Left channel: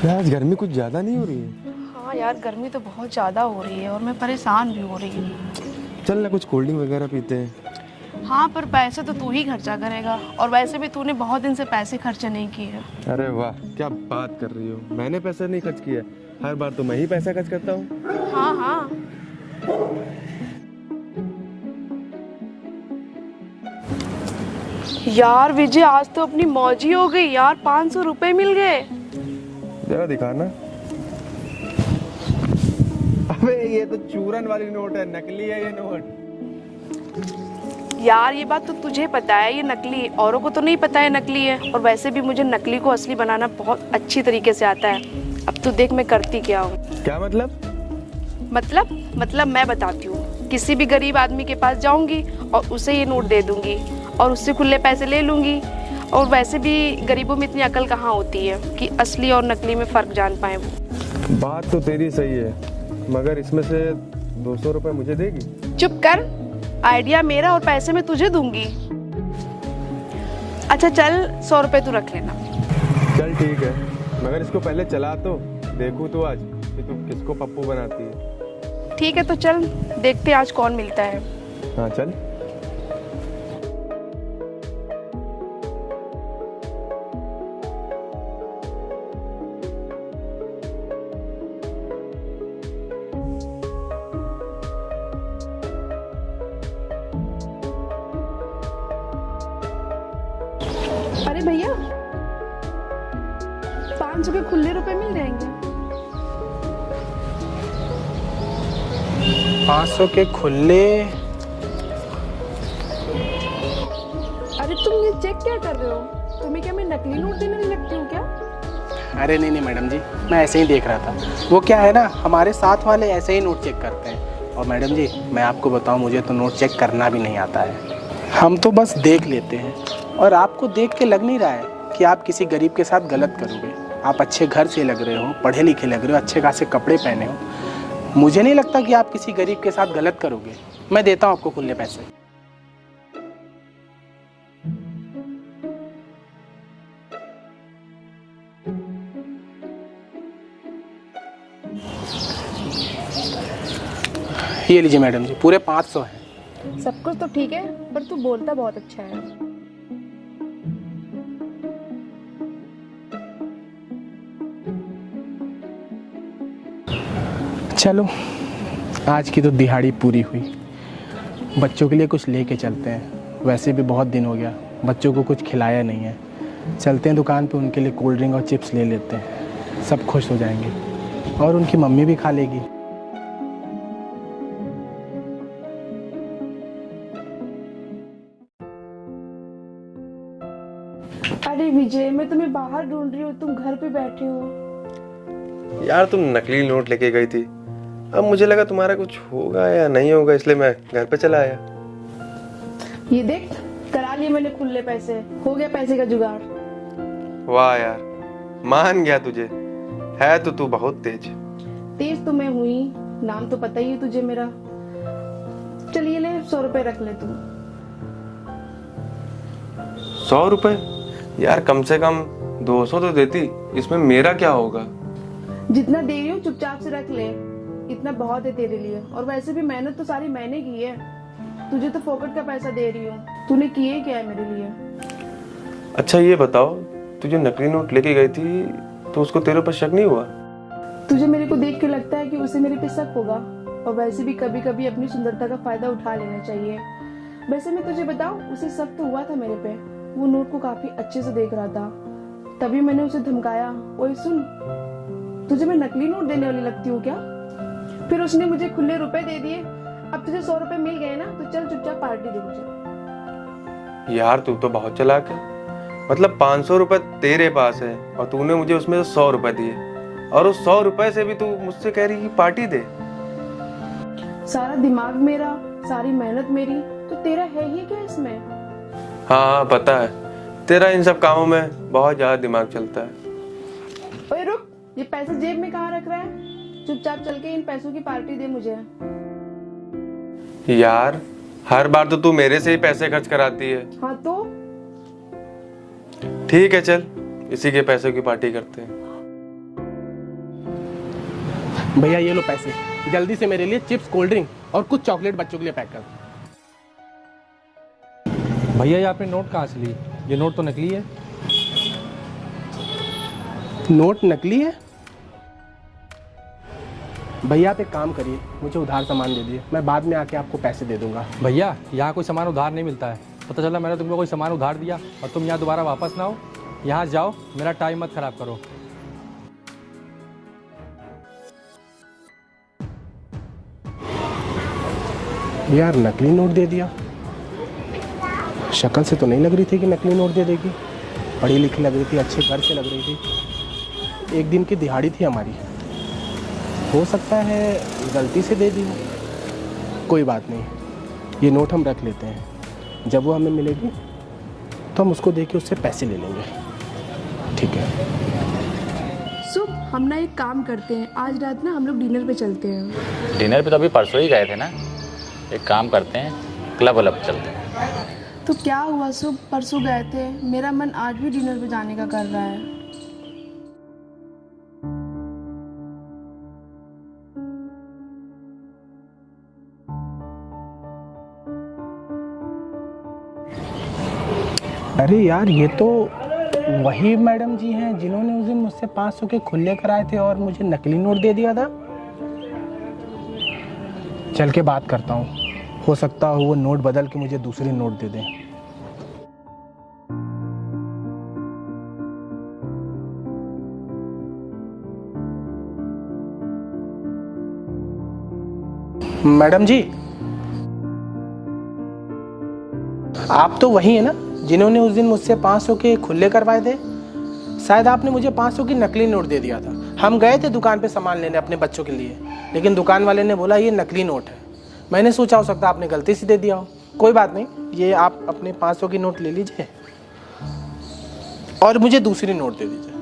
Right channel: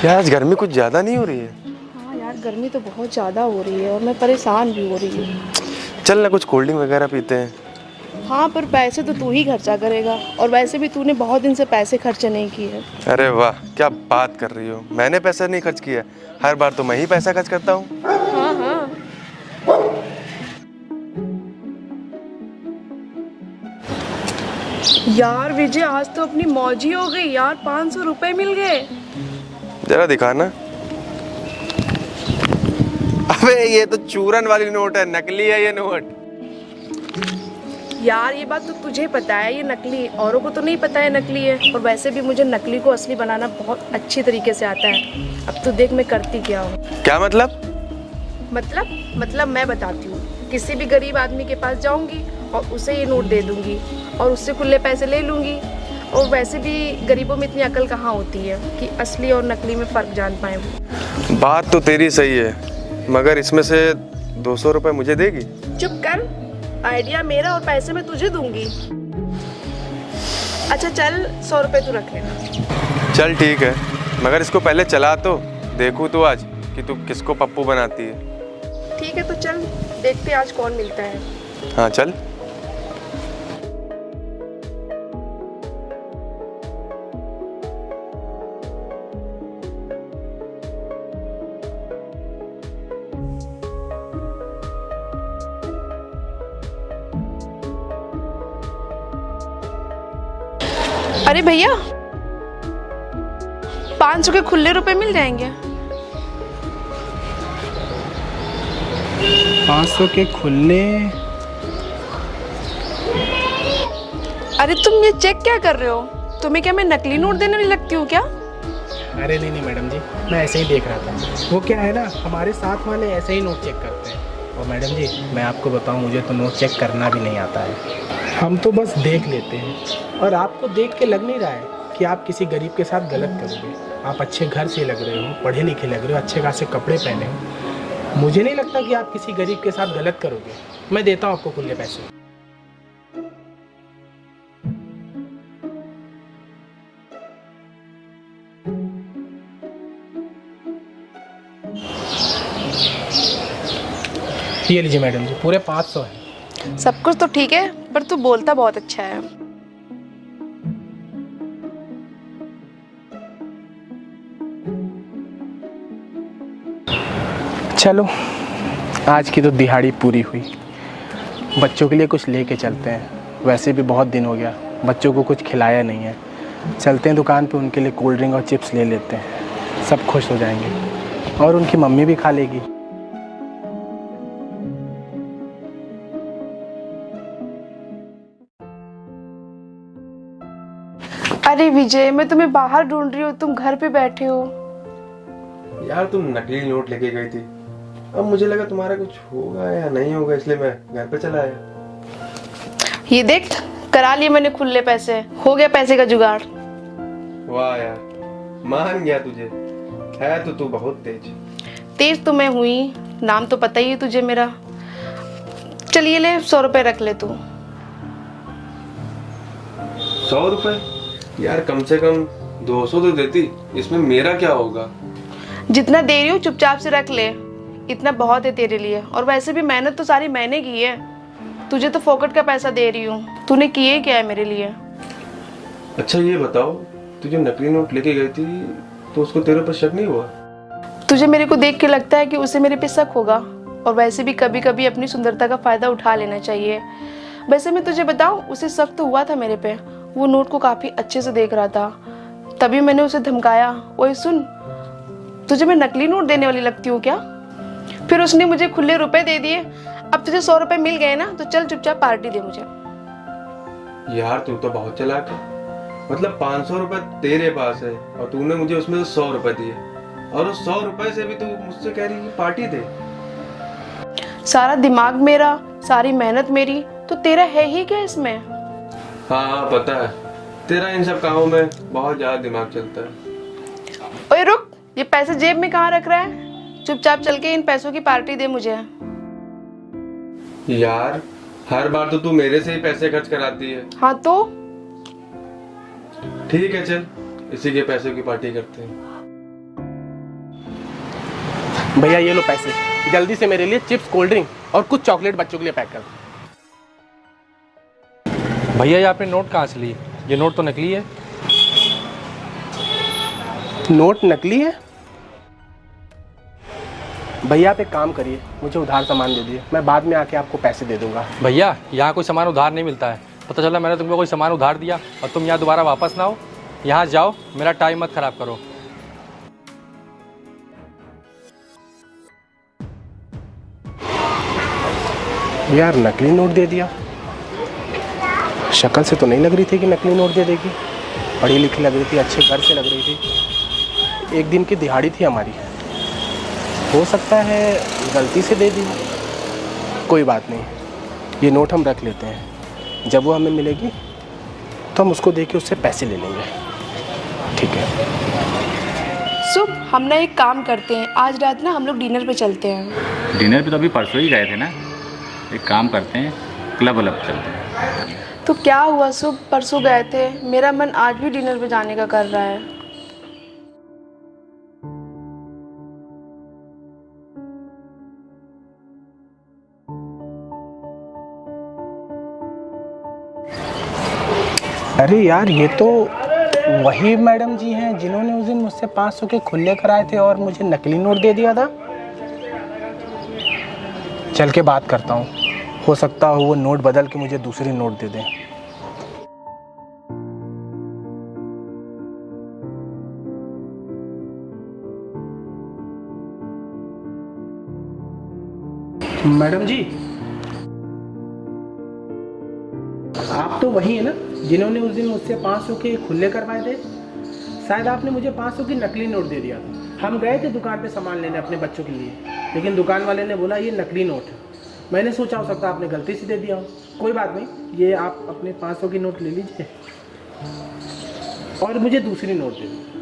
क्या आज गर्मी कुछ ज़्यादा नहीं हो रही है? हाँ यार, गर्मी तो बहुत ज़्यादा हो रही है और मैं परेशान भी हो रही हूँ। चल ना कुछ कोल्ड ड्रिंक वगैरह पीते हैं। हाँ, पर पैसे तो तू ही खर्चा करेगा और वैसे भी तूने बहुत दिन से पैसे खर्चे नहीं किए। अरे वाह, क्या बात कर रही हो। मैंने पैसा नहीं खर्च किया, हर बार तो मैं ही पैसा खर्च करता हूँ। हाँ हाँ। यार विजय, आज तो अपनी मौज ही हो गई यार, 500 रुपए मिल गए। जरा दिखाना। अबे ये तो चूरन वाली नोट है, नकली है ये नोट। यार ये बात तो तुझे पता है ये नकली है, औरों को तो नहीं पता है नकली है। और वैसे भी मुझे नकली को असली बनाना बहुत अच्छी तरीके से आता है। अब तो देख मैं करती क्या हूँ। क्या मतलब? मतलब मैं बताती हूँ। किसी भी गरीब आदमी के पास जाऊंगी और उसे ये नोट दे दूंगी और उससे खुले पैसे ले लूंगी। और वैसे भी गरीबों में इतनी अकल कहाँ होती है कि असली और नकली में फ़र्क जान पाए वो। बात तो तेरी सही है, मगर इसमें से 200 रुपए मुझे देगी? चुप कर, आइडिया मेरा और पैसे मैं तुझे दूंगी। अच्छा चल, 100 रुपए तू रख लेना। चल ठीक है, मगर इसको पहले चला तो देखूँ तो आज कि तू किसको पप्पू बनाती है। ठीक है तो चल, देखते हैं आज कौन मिलता है। हाँ चल। अरे भैया, 500 के खुले रुपए मिल जाएंगे? 500 के खुले? अरे तुम ये चेक क्या कर रहे हो? तुम्हें क्या मैं नकली नोट देने वाली लगती हूँ क्या? अरे नहीं मैडम जी, मैं ऐसे ही देख रहा था। वो क्या है ना, हमारे साथ वाले ऐसे ही नोट चेक करते हैं। और मैडम जी मैं आपको बताऊं, मुझे तो नोट चेक करना भी नहीं आता है। हम तो बस देख लेते हैं। और आपको देख के लग नहीं रहा है कि आप किसी गरीब के साथ गलत करोगे। आप अच्छे घर से लग रहे हो, पढ़े लिखे लग रहे हो, अच्छे खासे कपड़े पहने हो। मुझे नहीं लगता कि आप किसी गरीब के साथ गलत करोगे। मैं देता हूँ आपको खुले पैसे। ये लीजिए मैडम जी, पूरे 500 है। सब कुछ तो ठीक है, पर तू बोलता बहुत अच्छा है। चलो, आज की तो दिहाड़ी पूरी हुई। बच्चों के लिए कुछ लेके चलते हैं। वैसे भी बहुत दिन हो गया, बच्चों को कुछ खिलाया नहीं है। चलते हैं दुकान पे, उनके लिए कोल्ड ड्रिंक और चिप्स ले लेते हैं। सब खुश हो जाएंगे और उनकी मम्मी भी खा लेगी। अरे विजय, मैं तुम्हें बाहर ढूंढ रही हूँ, तुम घर पे बैठे हो। यार तुम नकली नोट लेके गई थी, अब मुझे लगा तुम्हारा कुछ होगा या नहीं होगा, इसलिए मैं घर पे चला आया। ये देख, करा लिए मैंने खुले पैसे, हो गया पैसे का जुगाड़। वाह यार, मान गया तुझे। है तो तू बहुत तेज। तेज तो मैं हुई, नाम तो पता ही है तुझे मेरा। चलिए ले, 100 रुपए रख ले तू। 100 रुपए? यार कम से कम 200 तो देती, इसमें मेरा क्या होगा? जितना दे रही हूँ चुपचाप से रख ले, इतना बहुत है तेरे लिए। और वैसे भी मेहनत तो सारी मैंने की है, तुझे तो फोकट का पैसा दे रही हूँ। तूने किए क्या है मेरे लिए? अच्छा ये बताओ, तू जो नकली नोट लेके गई थी तो उसको तेरे पर शक नहीं हुआ? तुझे मेरे को देख के लगता है कि उसे मेरे पे शक होगा? और वैसे भी कभी कभी अपनी सुंदरता का फायदा उठा लेना चाहिए। वैसे मैं तुझे बताऊं, उसे शक तो हुआ था मेरे पे। वो नोट को काफी अच्छे से देख रहा था, तभी मैंने उसे धमकाया। ओए सुन, तुझे मैं नकली नोट देने वाली लगती हूँ क्या? फिर उसने मुझे खुले रुपए दे दिए। अब तुझे 100 रुपए मिल गए ना, तो चल चुपचाप पार्टी दे मुझे। यार तू तो बहुत चालाक है। मतलब 500 रुपए तेरे पास है और तूने मुझे उसमें 100 रुपए दिए, और उस 100 रुपए से भी तू मुझसे कह रही है पार्टी दे। सारा दिमाग मेरा, सारी मेहनत मेरी, तो तेरा है ही क्या इसमें? हाँ पता है, तेरा इन सब कामों में बहुत ज्यादा दिमाग चलता है। ओए रुक, ये पैसे जेब में कहाँ रख रहा है? चुपचाप चल के इन पैसों की पार्टी दे मुझे। यार हर बार तो तू मेरे से ही पैसे खर्च कराती है। हाँ तो ठीक है चल, इसी के पैसे की पार्टी करते हैं। भैया ये लो पैसे, जल्दी से मेरे लिए चिप्स, कोल्ड ड्रिंक और कुछ चॉकलेट बच्चों के लिए पैक कर दो। भैया ये आपने नोट कहाँ से ली? ये नोट तो नकली है। नोट नकली है? भैया आप एक काम करिए, मुझे उधार सामान दे दिए, मैं बाद में आके आपको पैसे दे दूंगा। भैया यहाँ कोई सामान उधार नहीं मिलता है। पता चला मैंने तुमको कोई सामान उधार दिया और तुम यहाँ दोबारा वापस ना हो। यहाँ जाओ, मेरा टाइम मत खराब करो। यार नकली नोट दे दिया, शक्ल से तो नहीं लग रही थी कि नकली नोट दे देगी। पढ़ी लिखी लग रही थी, अच्छे घर से लग रही थी। एक दिन की दिहाड़ी थी हमारी, हो सकता है गलती से दे दी। कोई बात नहीं, ये नोट हम रख लेते हैं, जब वो हमें मिलेगी तो हम उसको दे के उससे पैसे ले लेंगे। ठीक है शुभ, हम ना एक काम करते हैं, आज रात ना हम लोग डिनर पे चलते हैं। डिनर पे तो अभी परसों ही गए थे ना। एक काम करते हैं, क्लब वलब चलते हैं। तो क्या हुआ शुभ, परसों गए थे, मेरा मन आज भी डिनर पे जाने का कर रहा है। अरे यार, ये तो वही मैडम जी हैं जिन्होंने उस दिन मुझसे 500 के खुले कराए थे और मुझे नकली नोट दे दिया था। चल के बात करता हूँ, हो सकता हो वो नोट बदल के मुझे दूसरी नोट दे दें। मैडम जी, आप तो वही है ना जिन्होंने उस दिन मुझसे 500 के खुले करवाए थे? शायद आपने मुझे 500 की नकली नोट दे दिया था। हम गए थे दुकान पे सामान लेने अपने बच्चों के लिए, लेकिन दुकान वाले ने बोला ये नकली नोट है। मैंने सोचा हो सकता आपने गलती से दे दिया हो। कोई बात नहीं, ये आप अपने 500 की नोट ले लीजिए और मुझे दूसरी नोट दे दीजिए।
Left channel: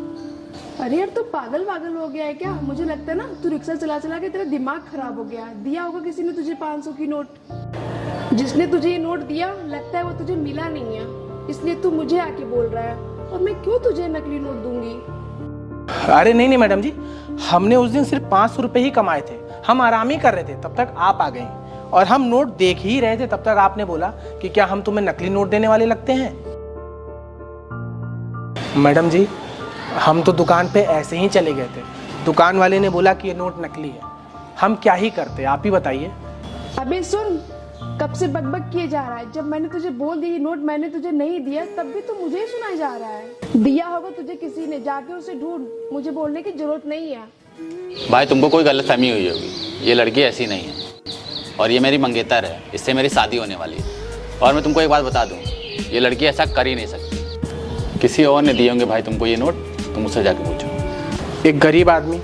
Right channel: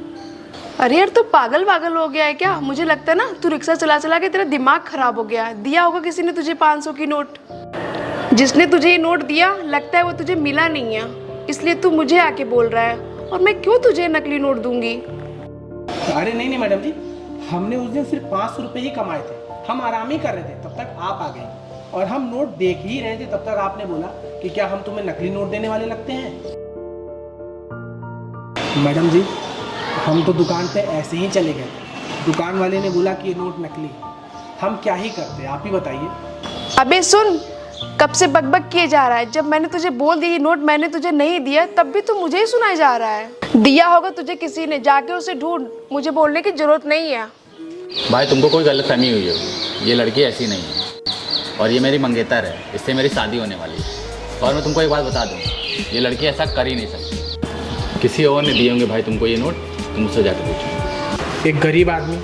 अरे यार, तू पागल पागल हो गया है क्या? मुझे लगता है ना तू रिक्शा चला चला के तेरा दिमाग खराब हो गया है। दिया होगा किसी ने तुझे 500 की नोट। जिसने तुझे ये नोट दिया लगता है वो तुझे मिला नहीं है, इसलिए तू मुझे आके बोल रहा है, और मैं क्यों तुझे नकली नोट दूंगी? अरे नहीं नहीं मैडम जी, हमने उस दिन सिर्फ 500 रुपये ही कमाए थे। हम आराम ही कर रहे थे, तब तक आप आ गई और हम नोट देख ही रहे थे, तब तक आपने बोला कि क्या हम तुम्हें नकली नोट देने वाले लगते हैं? मैडम जी, हम तो दुकान पे ऐसे ही चले गए थे, दुकान वाले ने बोला कि ये नोट नकली है। हम क्या ही करते, आप ही बताइए। अबे सुन, कब से बकबक किए जा रहा है? जब मैंने तुझे बोल दी नोट मैंने तुझे नहीं दिया, तब भी तू मुझे ही सुनाई जा रहा है। दिया होगा तुझे किसी ने, जाके उसे ढूंढ, मुझे बोलने की जरूरत नहीं है। भाई तुमको कोई गलतफहमी हुई होगी, ये लड़की ऐसी नहीं है और ये मेरी मंगेतर है, इससे मेरी शादी होने वाली है। और मैं तुमको एक बात बता दूँ, ये लड़की ऐसा कर ही नहीं सकती। किसी और ने दिए होंगे भाई तुमको ये नोट, तुम उससे जाके पूछो। एक गरीब आदमी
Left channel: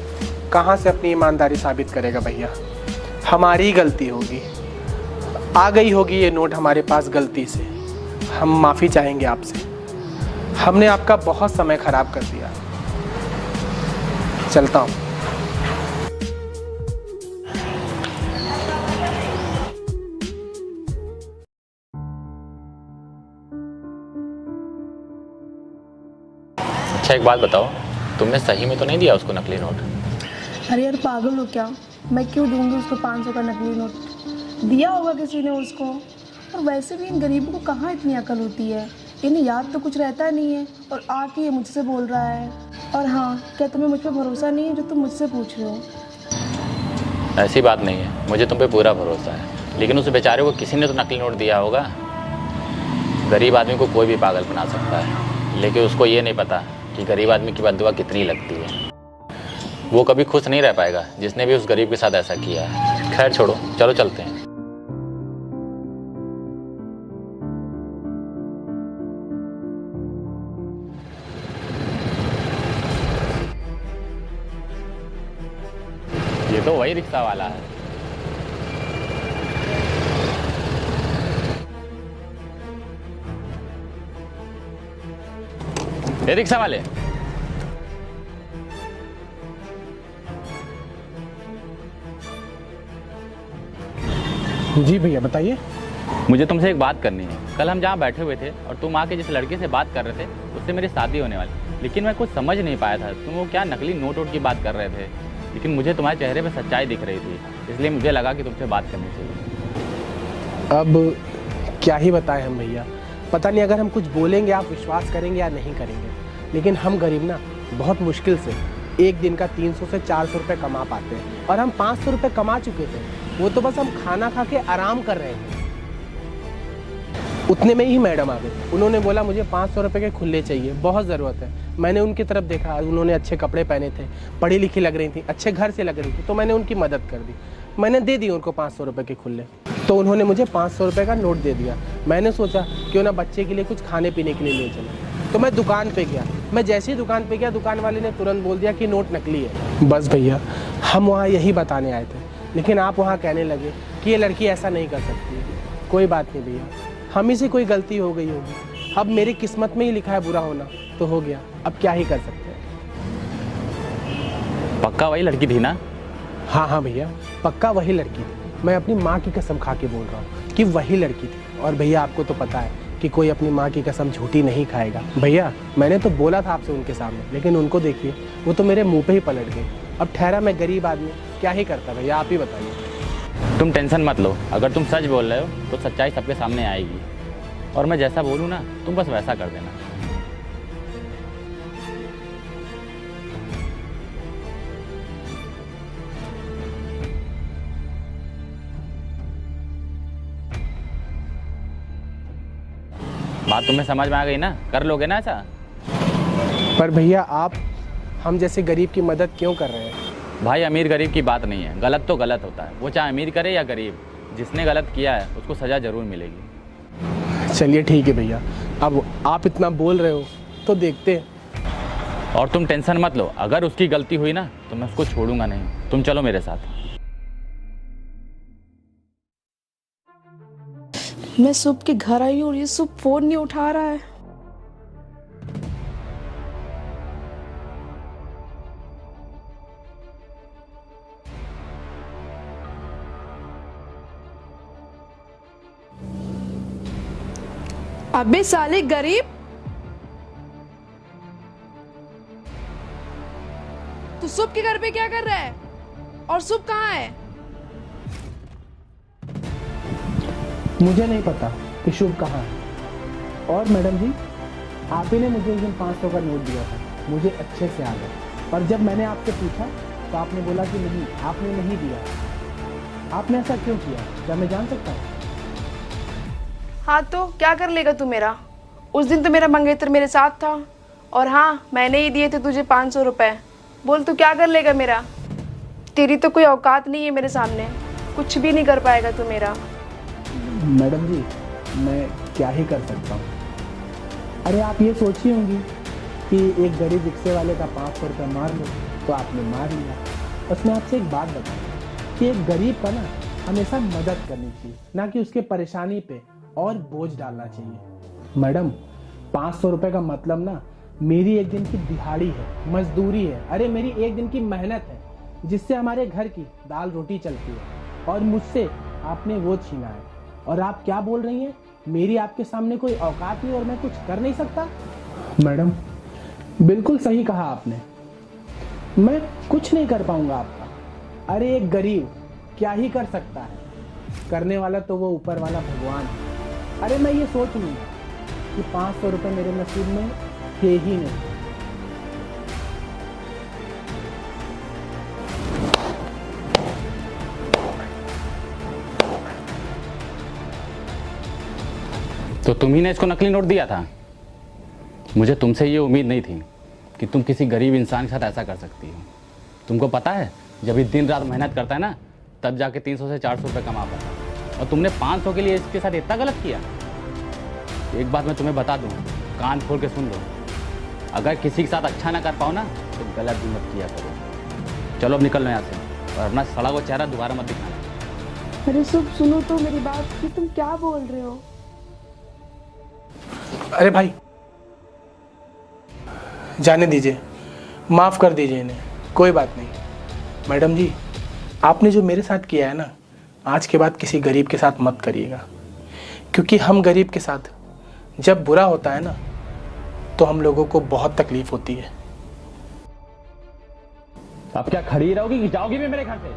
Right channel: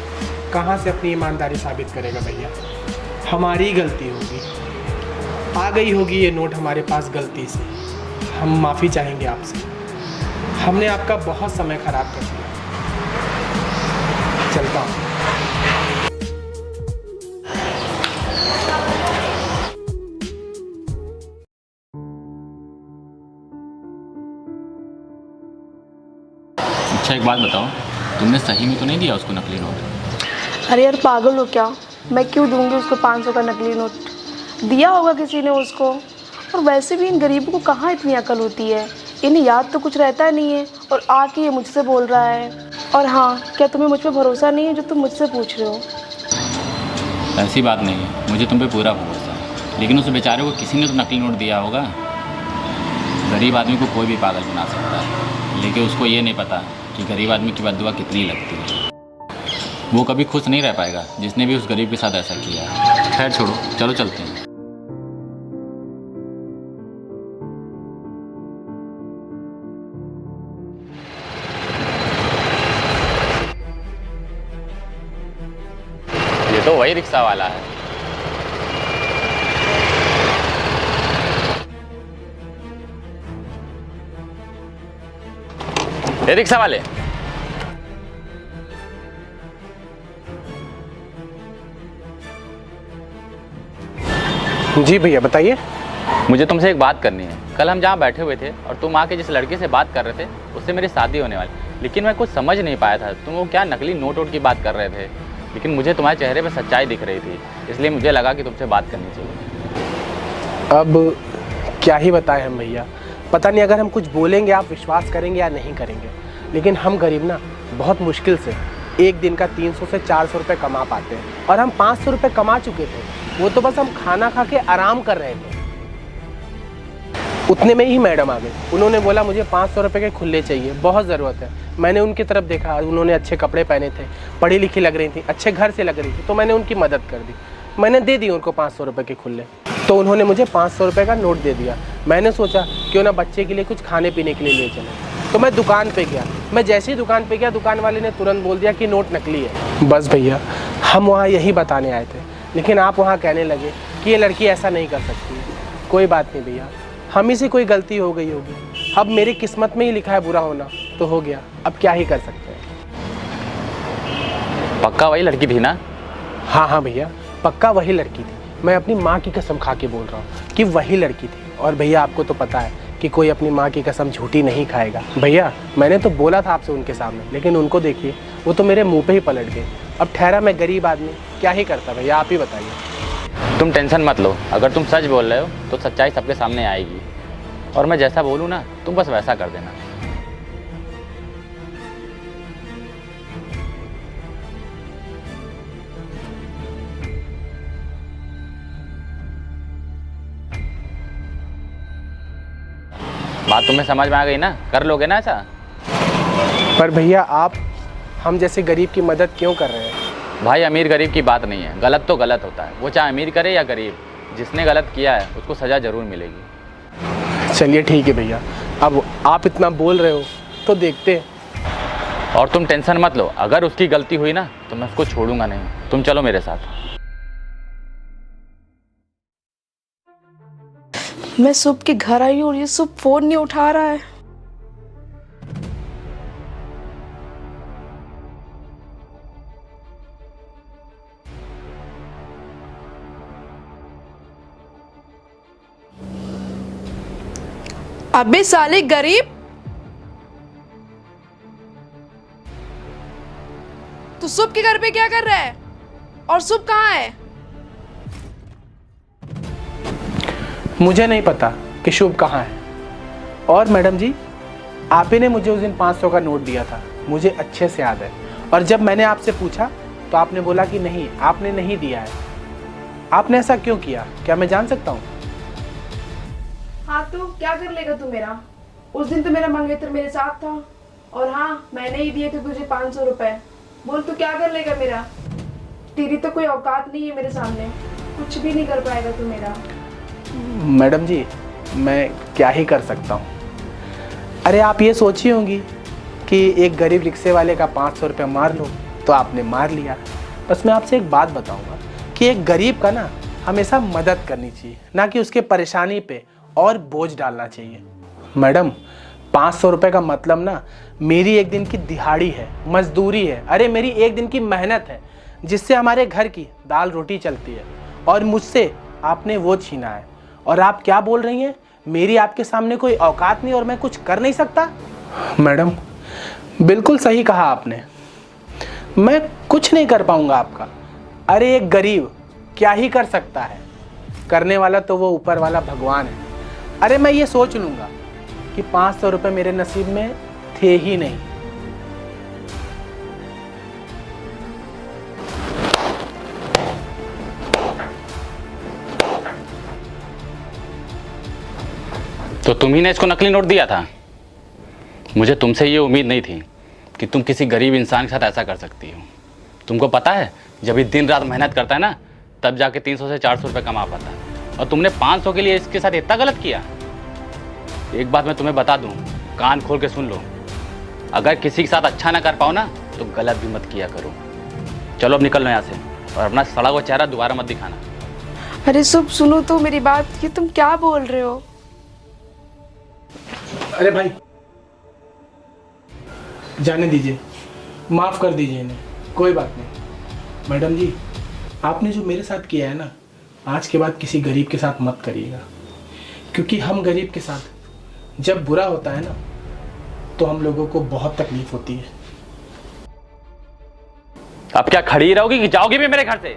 कहाँ से अपनी ईमानदारी साबित करेगा भैया? हमारी गलती होगी, आ गई होगी ये नोट हमारे पास गलती से। हम माफ़ी चाहेंगे आपसे, हमने आपका बहुत समय खराब कर दिया। चलता हूँ। अच्छा एक बात बताओ, तुमने सही में तो नहीं दिया उसको नकली नोट? अरे यार पागल हो क्या, मैं क्यों दूंगी उसको 500 का नकली नोट? दिया होगा किसी ने उसको। और वैसे भी इन गरीबों को कहाँ इतनी अकल होती है, इन्हें याद तो कुछ रहता नहीं है और आके ये मुझसे बोल रहा है। और हाँ, क्या तुम्हें मुझ पर भरोसा नहीं है जो तुम मुझसे पूछ रहे हो? ऐसी बात नहीं है, मुझे तुम पे पूरा भरोसा है, लेकिन उस बेचारे को किसी ने तो नकली नोट दिया होगा। गरीब आदमी को कोई भी पागल बना सकता है, लेकिन उसको ये नहीं पता कि गरीब आदमी की बद्दुआ कितनी लगती है। वो कभी खुश नहीं रह पाएगा जिसने भी उस गरीब के साथ ऐसा किया है। खैर छोड़ो, चलो चलते हैं। ये तो वही रिक्शा वाला है। ये रिक्शा वाले, जी भैया बताइए। मुझे तुमसे एक बात करनी है। कल हम जहाँ बैठे हुए थे और तुम आके जिस लड़के से बात कर रहे थे उससे मेरी शादी होने वाली, लेकिन मैं कुछ समझ नहीं पाया था। तुम वो क्या नकली नोट वोट की बात कर रहे थे, लेकिन मुझे तुम्हारे चेहरे पे सच्चाई दिख रही थी, इसलिए मुझे लगा कि तुमसे बात करनी चाहिए। अब क्या ही बताएं हम भैया, पता नहीं अगर हम कुछ बोलेंगे आप विश्वास करेंगे या नहीं करेंगे, लेकिन हम गरीब ना बहुत मुश्किल से एक दिन का 300 से 400 रुपये कमा पाते हैं, और हम 500 रुपये कमा चुके थे। वो तो बस हम खाना खा के आराम कर रहे थे, उतने में ही मैडम आ गई। उन्होंने बोला मुझे 500 रुपये के खुले चाहिए, बहुत ज़रूरत है। मैंने उनकी तरफ देखा, उन्होंने अच्छे कपड़े पहने थे, पढ़ी लिखी लग रही थी, अच्छे घर से लग रही थी, तो मैंने उनकी मदद कर दी। मैंने दे दी उनको 500 रुपये के खुले, तो उन्होंने मुझे 500 रुपये का नोट दे दिया। मैंने सोचा क्यों ना बच्चे के लिए कुछ खाने पीने के लिए ले चले, तो मैं दुकान पे गया। मैं जैसे ही दुकान पे गया, दुकान वाले ने तुरंत बोल दिया कि नोट नकली है। बस भैया, हम वहाँ यही बताने आए थे, लेकिन आप वहाँ कहने लगे कि ये लड़की ऐसा नहीं कर सकती है। कोई बात नहीं भैया, हम ही से कोई गलती हो गई होगी, अब मेरी किस्मत में ही लिखा है बुरा होना, तो हो गया, अब क्या ही कर सकते हैं। पक्का वही लड़की थी ना? हाँ हाँ भैया, पक्का वही लड़की थी। मैं अपनी माँ की कसम खा के बोल रहा हूँ कि वही लड़की थी। और भैया आपको तो पता है कि कोई अपनी माँ की कसम झूठी नहीं खाएगा। भैया मैंने तो बोला था आपसे उनके सामने, लेकिन उनको देखिए, वो तो मेरे मुंह पे ही पलट गए। अब ठहरा मैं गरीब आदमी, क्या ही करता भैया, आप ही बताइए। तुम टेंशन मत लो, अगर तुम सच बोल रहे हो तो सच्चाई सबके सामने आएगी, और मैं जैसा बोलूँ ना तुम बस वैसा कर देना। बात तुम्हें समझ में आ गई ना? कर लोगे ना ऐसा? पर भैया आप हम जैसे गरीब की मदद क्यों कर रहे हैं? भाई अमीर गरीब की बात नहीं है, गलत तो गलत होता है, वो चाहे अमीर करे या गरीब, जिसने गलत किया है उसको सज़ा ज़रूर मिलेगी। चलिए ठीक है भैया, अब आप इतना बोल रहे हो तो देखते हैं। और तुम टेंशन मत लो, अगर उसकी गलती हुई ना तो मैं उसको छोड़ूंगा नहीं। तुम चलो मेरे साथ। मैं सुबह के घर आई हूँ और ये सुबह फोन नहीं उठा रहा है। अबे साले गरीब, तू सुबह के घर पे क्या कर रहा है? और सुबह कहाँ है? मुझे नहीं पता कि शुभ कहाँ है। और मैडम जी, आप ही ने मुझे उस दिन 500 का नोट दिया था, मुझे अच्छे से याद है। और जब मैंने आपसे पूछा तो आपने बोला कि नहीं, आपने नहीं दिया है। आपने ऐसा क्यों किया, क्या मैं जान सकता हूँ? हाँ तो क्या कर लेगा तू मेरा? उस दिन तो मेरा मंगेतर मेरे साथ था, और हाँ मैंने ही दिए थे तुझे 500 रुपए। बोल तू क्या कर लेगा मेरा? तेरी तो कोई औकात नहीं है मेरे सामने, कुछ भी नहीं कर पाएगा तू मेरा। मैडम जी, मैं क्या ही कर सकता हूँ। अरे आप ये सोची होंगी कि एक गरीब रिक्शे वाले का 500 रुपया मार लो, तो आपने मार लिया। बस मैं आपसे एक बात बताऊँगा कि एक गरीब का ना हमेशा मदद करनी चाहिए, ना कि उसके परेशानी पे और बोझ डालना चाहिए। मैडम 500 रुपये का मतलब ना मेरी एक दिन की दिहाड़ी है, मजदूरी है, अरे मेरी एक दिन की मेहनत है, जिससे हमारे घर की दाल रोटी चलती है, और मुझसे आपने वो छीना है। और आप क्या बोल रही हैं, मेरी आपके सामने कोई औकात नहीं और मैं कुछ कर नहीं सकता? मैडम बिल्कुल सही कहा आपने, मैं कुछ नहीं कर पाऊंगा आपका। अरे एक गरीब क्या ही कर सकता है, करने वाला तो वो ऊपर वाला भगवान है। अरे मैं ये सोच लूंगा कि 500 रुपये मेरे नसीब में थे ही नहीं। तो तुम ही ने इसको नकली नोट दिया था? मुझे तुमसे ये उम्मीद नहीं थी कि तुम किसी गरीब इंसान के साथ ऐसा कर सकती हो। तुमको पता है, जब ये दिन रात मेहनत करता है ना, तब जाके 300 से 400 रुपये कमा पाता है, और तुमने 500 के लिए इसके साथ इतना गलत किया। एक बात मैं तुम्हें बता दूं, कान खोल के सुन लो, अगर किसी के साथ अच्छा ना कर पाओ ना तो गलत भी मत किया करो। चलो अब निकल लो यहाँ से, और अपना सड़ा हुआ चेहरा दोबारा मत दिखाना। अरे सुब सुनो तो मेरी बात, ये तुम क्या बोल रहे हो? अरे भाई जाने दीजिए, माफ़ कर दीजिए इन्हें, कोई बात नहीं। मैडम जी, आपने जो मेरे साथ किया है ना, आज के बाद किसी गरीब के साथ मत करिएगा, क्योंकि हम गरीब के साथ जब बुरा होता है ना तो हम लोगों को बहुत तकलीफ होती है। अब क्या खड़ी रहोगी कि जाओगी भी मेरे घर से?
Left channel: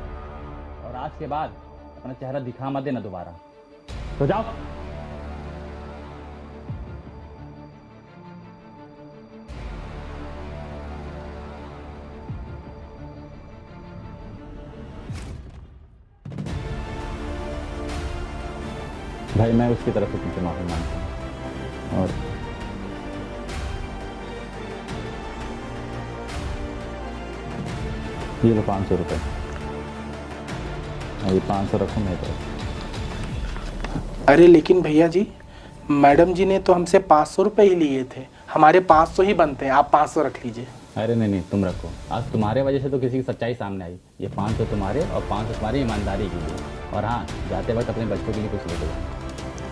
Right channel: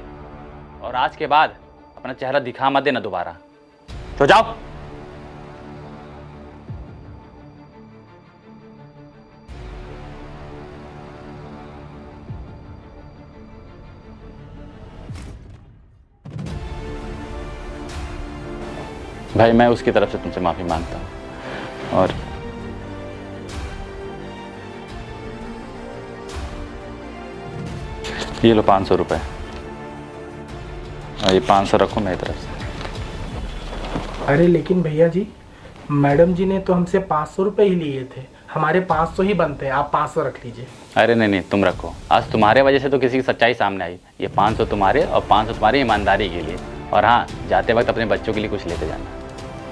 और आज के बाद अपना चेहरा दिखा मत देना दोबारा, तो जाओ। भाई मैं उसकी तरफ से तुमसे माफी मांगता हूँ, और ये लो 500 रुपये, और ये 500 रखो मेरी तरफ से। अरे लेकिन भैया जी, मैडम जी ने तो हमसे 500 रुपये ही लिए थे, हमारे 500 ही बनते हैं, आप 500 रख लीजिए। अरे नहीं नहीं, तुम रखो। आज तुम्हारे वजह से तो किसी की सच्चाई सामने आई। ये 500 तुम्हारे और 500 तुम्हारी ईमानदारी के लिए। और हाँ, जाते वक्त अपने बच्चों के लिए कुछ लेते जाना।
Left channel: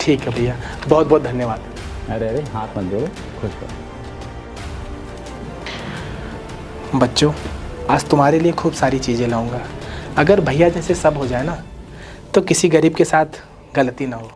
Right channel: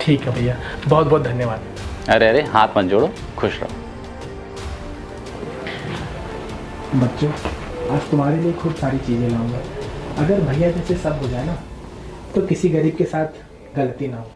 ठीक है भैया, बहुत बहुत धन्यवाद। अरे अरे, हाथ मत जोड़ो, खुश रहो। बच्चों, आज तुम्हारे लिए खूब सारी चीज़ें लाऊंगा। अगर भैया जैसे सब हो जाए ना, तो किसी गरीब के साथ गलती ना हो।